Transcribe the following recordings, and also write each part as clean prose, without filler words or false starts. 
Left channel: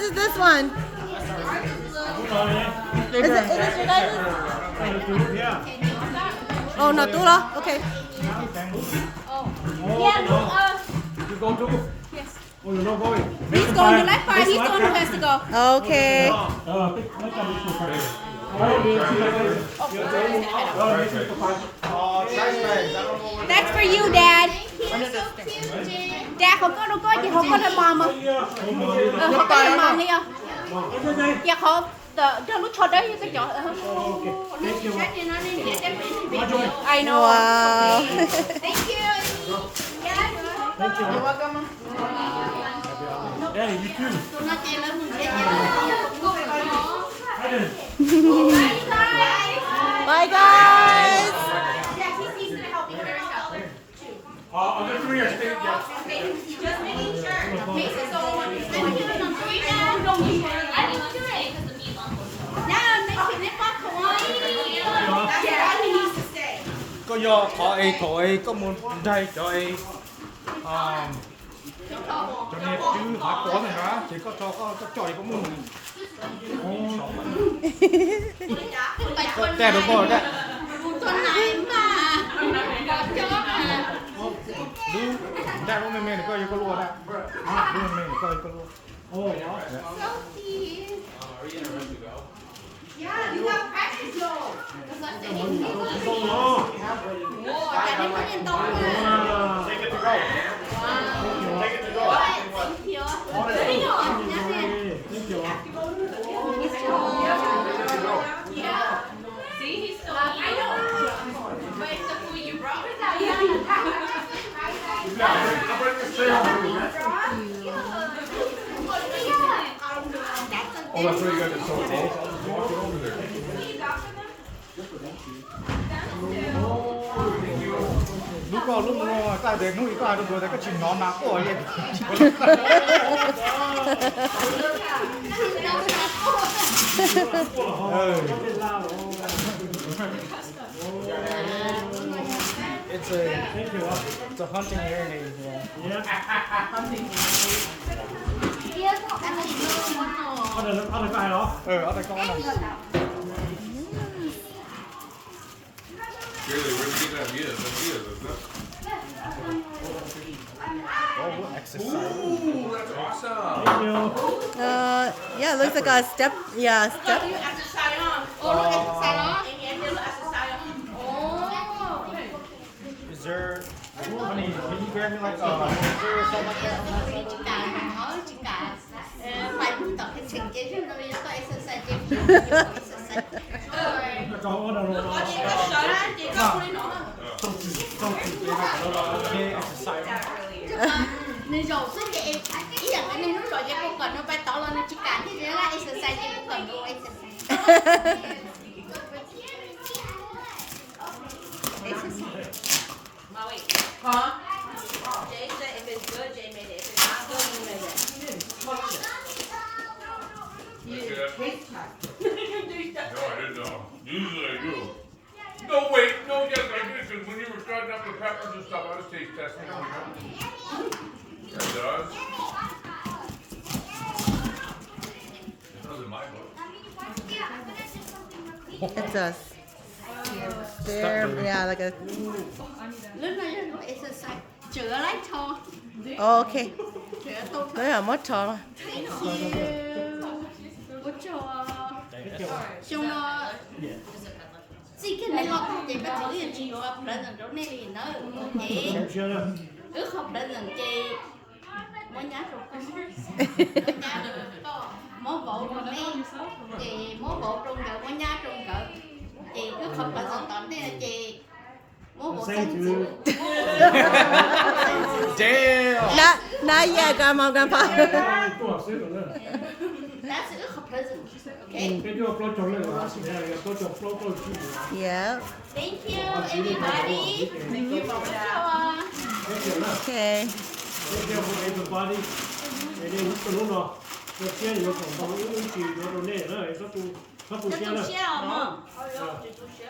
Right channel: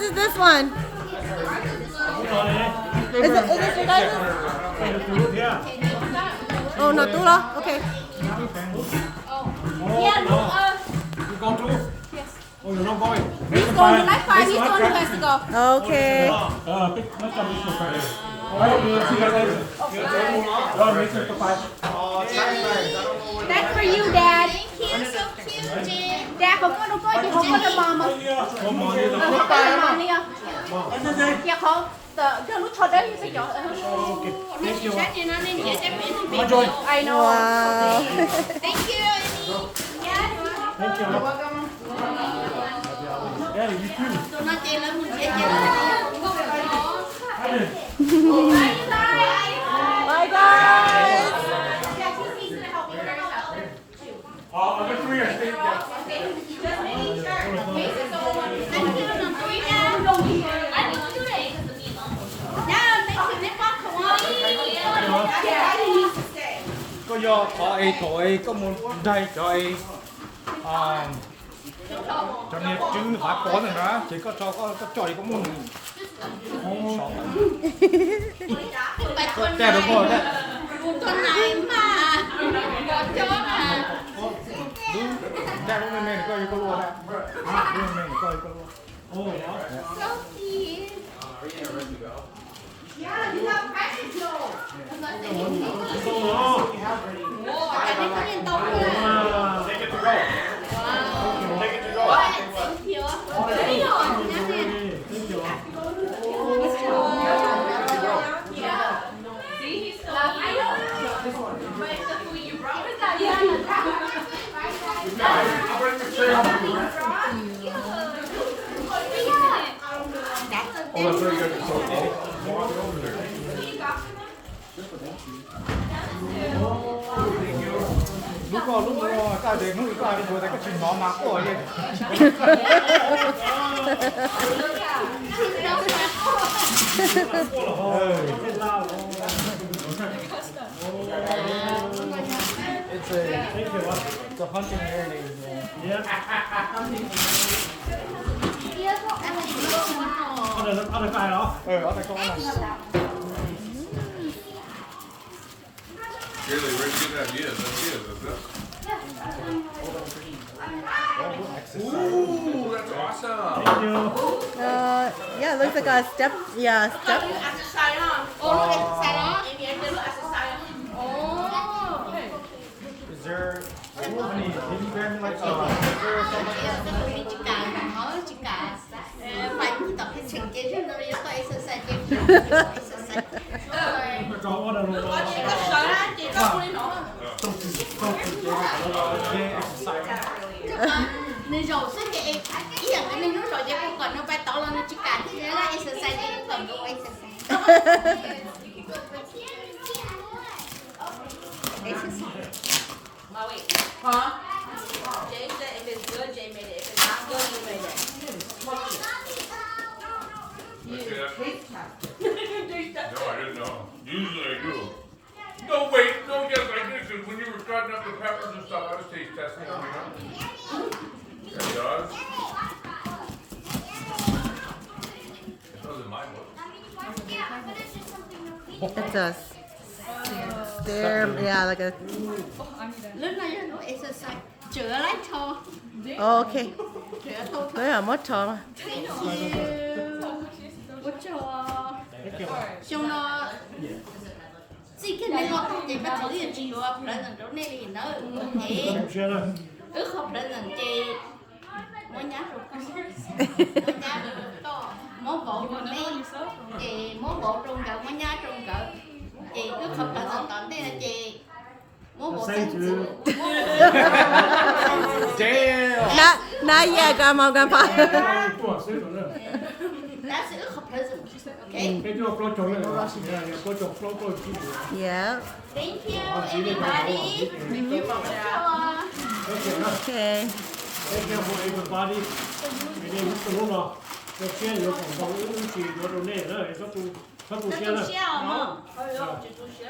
whose is this one? Is it your guys'? Oh, no, Tula? Okay. Yeah, look, You go too? yes. Oh, you're not going? He's going to like 5, he's the one who has to go. Okay. Let's come this way. That's for you, Dad. Thank you, so cute, Jen. Dad, không có gì, không có thêm mama. Không có thêm mama đi không? Dạ không. Cho lúc cho đấy cái chỗ. Nó chỉ sát như nó nên dễ đem đến bên I know. Wow. Thank you, Amy. Thank you. Yeah, you too. Tụi nó chơi lớn mình dễ chơi lớn thì không có phải có. Bye, guys. I'll get 3 or stay. Có do tội có một đây tội cho nên chứ hạt cổ này đó chỉ có cho có trời có một Đây đúng rồi đấy. Tuần này mà có chó à. đây cũng nên coi cái luôn đấy nên coi cái luôn oh So cute. Yeah, you have practice though. Wow, tại đây có nhìn tông nha. Take it to go. Wow. Take it to go. Thank you. Thank you. Thank you. I'll bring the chair over. That's a Oh, that's very good. So walk it over here. Lúc ta để nuôi ta rồi cái chuyện nó nạp của vậy. It's a hunting area. Yeah. Ở đây cái đó. Ở đây có này. Really, where'd you get that meat? Ooh, that's awesome. Thank you. Yeah, it looks like a step. Yeah, step. Oh, look, exercise đó. Oh. Is there? Can you grab me like Mình chỉ cài mà hỏi chỉ cài. Phải tập cái trình chế cho nó có exercise chứ. Exercise. Có đâu luôn. Chị có cô đi nổ không? Nên rồi sức chị em ý rằng cái này nó rồi chị không cần nó phải tỏ lên nó chỉ cài thì nó là exercise chị cũng cần đâu exercise. Exercise. Hả? Jay said if it's good, Jay made it. If it's not good, you made it. No, I didn't know. Usually I do. No, wait, no, yes, I did, because when you were cutting up the peppers and stuff, I was taste testing them, remember? It does. It does in my book. It does. There, yeah, like a. Lúc này nó exercise chữa lấy thôi. Okay. Chữa thôi. Đấy là mất trò mà. Ủa cho trong nó chỉ cái này lo tao chỉ bắt thử giờ chiều à, lần lần chỗ này thì nó chị không lần lần chị mỗi nhá rồi con mỗi nhá rồi to mỗi bộ rồi nè chị mỗi bộ trung cỡ mỗi nhá trung cỡ chị cứ không lần lần tận thế là chị mỗi bộ xanh Not yet, Grandma, Grandpa. đã sẽ không lần lần ok. Cái chỗ pro trồng này là có chỗ pro Yeah. Thank you everybody. Okay. Thank you for everybody. Cái này cũng tốt rồi. Cái kia có phòng phòng những chỉ có đồ này nữa, các tu kia là.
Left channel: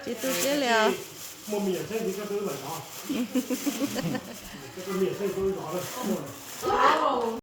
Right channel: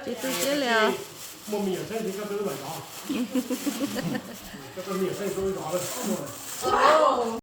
Chị tu chế liệu. Một miệng xây thì các thứ mà đó. Các miệng xây tôi đó là không rồi.